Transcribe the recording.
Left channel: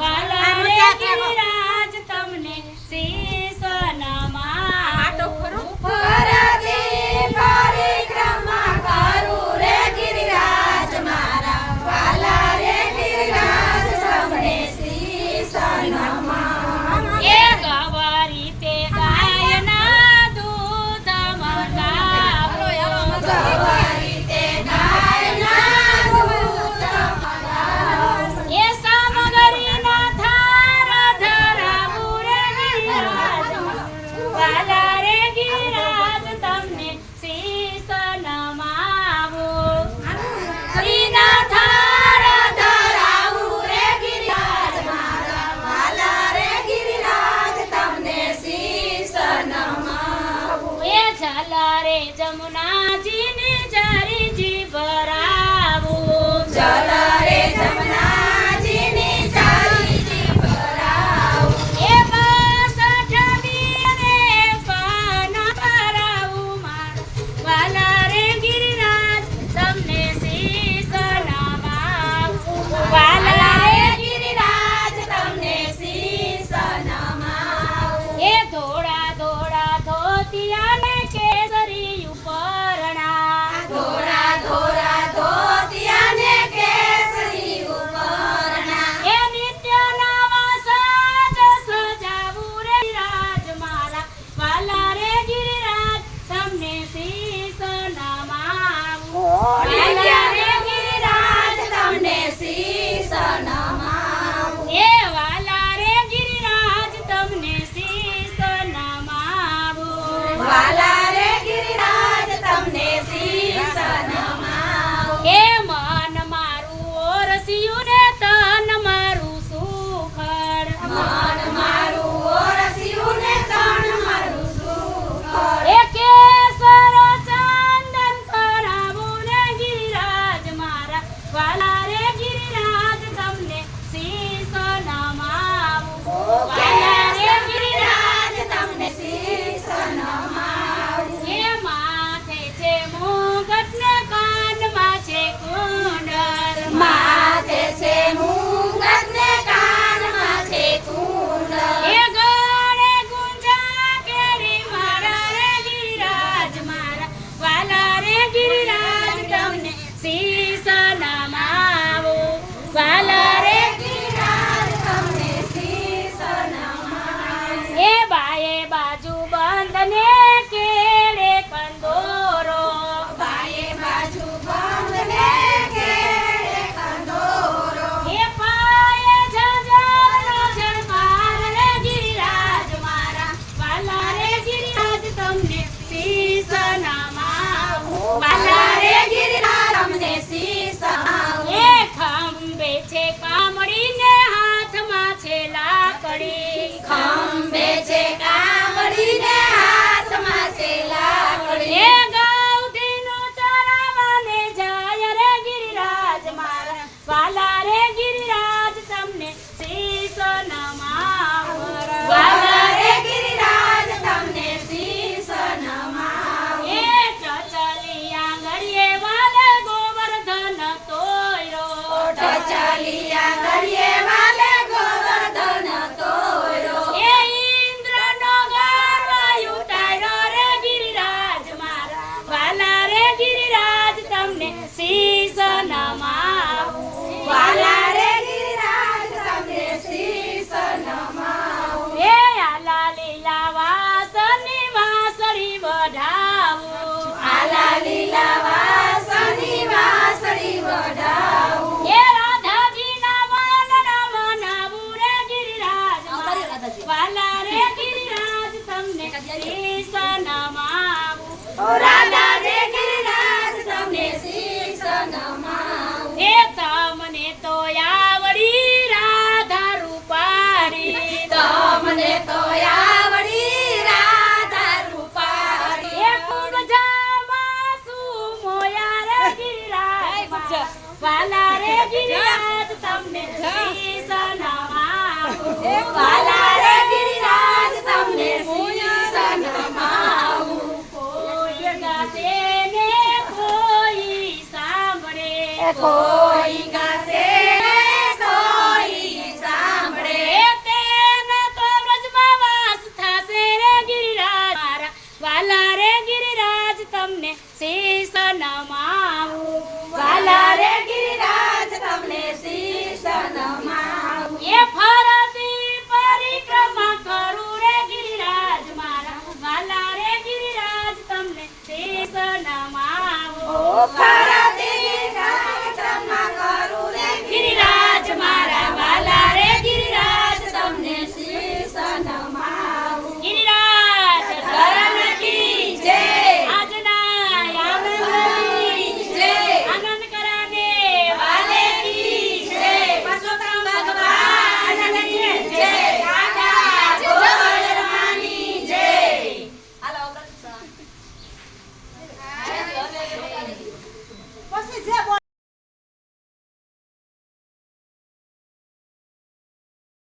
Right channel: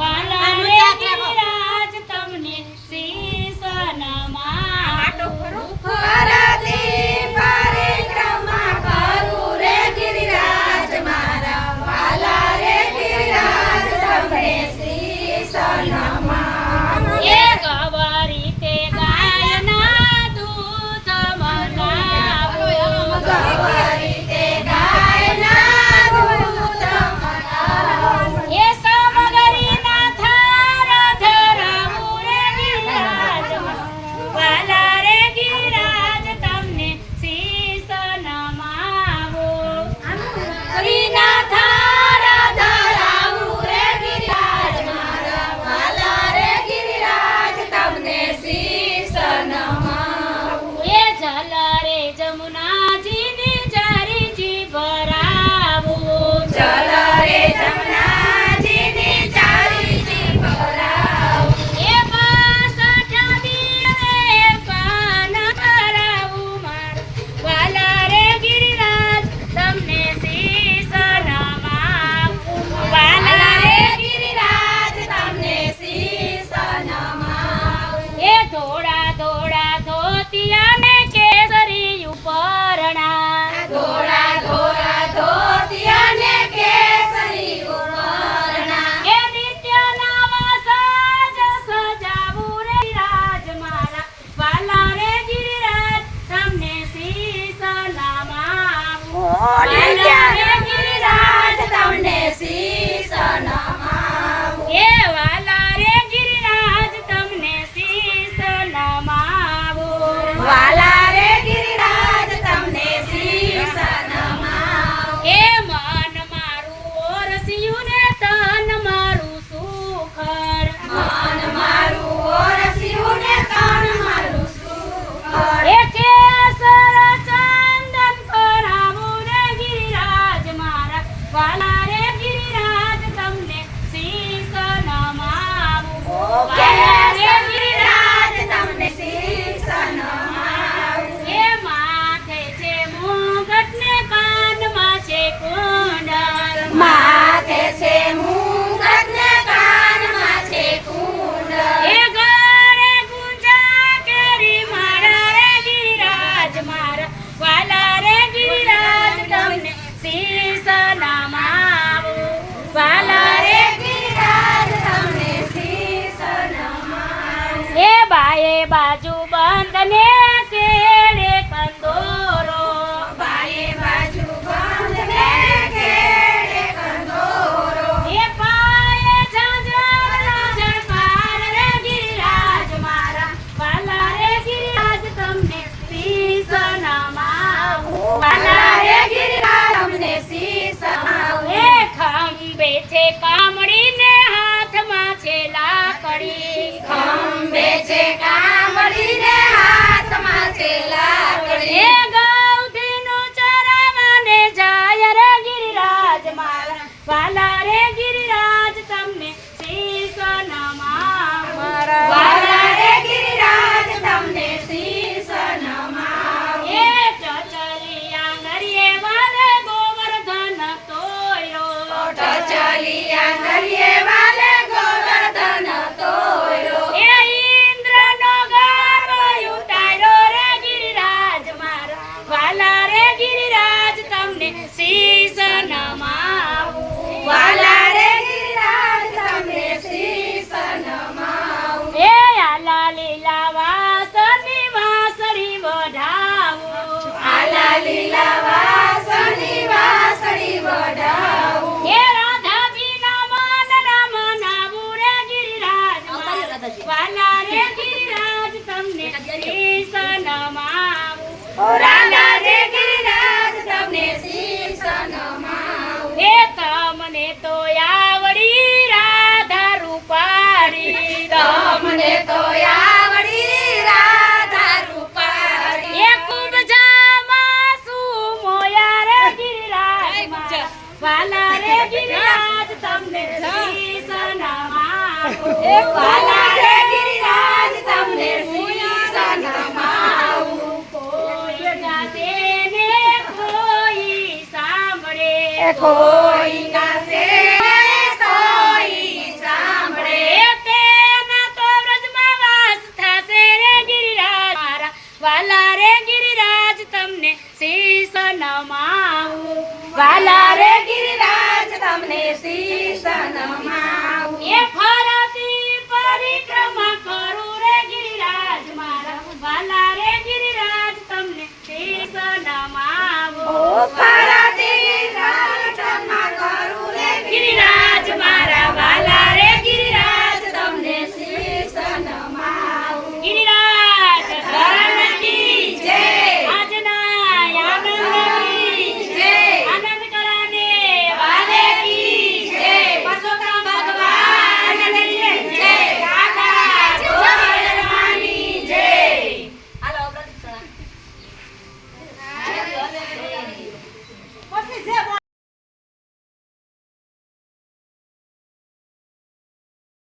વાલા રે ગિરિરાજ તમને શીશ નમાવું પરિક્રમા કરું રે ગિરિરાજ મારા વાલા રે ગિરિરાજ તમને શીશ નમાવું એ ગવારી તે ગાયના દૂધ મનાવો ગવારી તે ગાયના દૂધ મનાવું એ સામગરીના થાર ધરાવું રે ગિરિરાજ વાલા રે ગિરિરાજ તમને શીશ નમાવો હરિના થાર ધરાવું રે ગિરિરાજ મારા વાલા રે ગિરિરાજ તમને શીશ નમાવું એ ઝાલા રે જમુનાજીની ચારીજી ભરાવું ચલ રે જમનાજીની ચારીજી ભરાવું એ બાસઠ દિને પાન કરાવું માર વાલા રે ગિરિરાજ તમને શીશ નમાવું વાલા રે ગિરિરાજ તમને શીશ નમાવું એ ધોળા ધોળા ધોતિયા ને કેસરી ઉપરણા ધોળા ધોળા ધોતિયા ને કેસરી ઉપરણા એ નિત્ય નવા સાજ સજાવું રે ગિરિરાજ મારા વાલા રે ગિરિરાજ તમને શીશ નમાવું વાલા રે ગિરિરાજ તમને શીશ નમાવું એ વાલા રે ગિરિરાજ તમને શીશ નમાવું વાલા રે ગિરિરાજ તમને શીશ નમાવું એ મન મારું ઓરસિયું ને તન મારું સુખડ મન મારું ઓરસિયું ને તન મારું સુખડ એ કેસર ચંદન કરાવું રે ગિરિરાજ મારા વાલા રે ગિરિરાજ તમને શીશ નમાવું વાલા રે ગિરિરાજ તમને શીશ નમાવું એ માથે છે મુગટ ને કાનમાં છે કુંડળ માથે છે મુંગટ ને કાનમાં છે કુંડળ એ ગળે ગુંજા કેરી મારા રે ગિરિરાજ મારા વાલા રે ગિરિરાજ તમને શીશ નમાવું વાલા રે ગિરિરાજ તમને શીશ નમાવું એ બાએ બાજુ બંધ ને કેળે કંદોરો બાએ બાજુ બંધ ને ઘેરે કંદોરો એ પાયે ઝાંઝરનો ઝણકાર રે ગિરિરાજ મારા વાલા રે ગિરિરાજ તમને શીશ નમાવું વાલા રે ગિરિરાજ તમને શીશ નમાવું એ ખંભે છે કામડી ને હાથમાં છે લાકડી ખંભે છે કામડી ને હાથમાં છે લાકડી એ ગૌધીનું ચરાવને જાય રે ગિરિરાજ મારા વાલા રે ગિરિરાજ તમને શીશ નમાવું વાલા રે ગિરિરાજ તમને શીશ નમાવું એ ચચલિયા નરિયે વાલે ગોવર્ધન તોયો ટચલિયા નરિયે વાલે ગોવર્ધન તોયો એ ઇન્દ્રનો ગર્વ ઉતાર્યો રે ગિરિરાજ મારા વાલા રે ગિરિરાજ તમને શીશ નમાવું વાલા રે ગિરિરાજ તમને શીશ નમાવું એ આલા લીલા વાસની વાસળી વઢાવું આલા લીલા વાસણી વાસણી વઢાવું એ રાધાજીના મનના મનાવું રે ગિરિરાજ મારા વાલા રે ગિરિરાજ તમને શીશ નમાવું રાલા રે ગિરિરાજ તમને શીશ નમાવું એ તમને તો આવડી રાધા રૂપાળી તમને તો આવડી રાધા રૂપાળી એ કુંડજામાં શું મોયા રે ગિરિરાજ મારા વાલા રે ગિરિરાજ તમને શીશ નમાવું વાલા રે ગિરિરાજ તમને શીશ નમાવું કોઈ ગાશે ને કોઈ સાંભળે કોઈ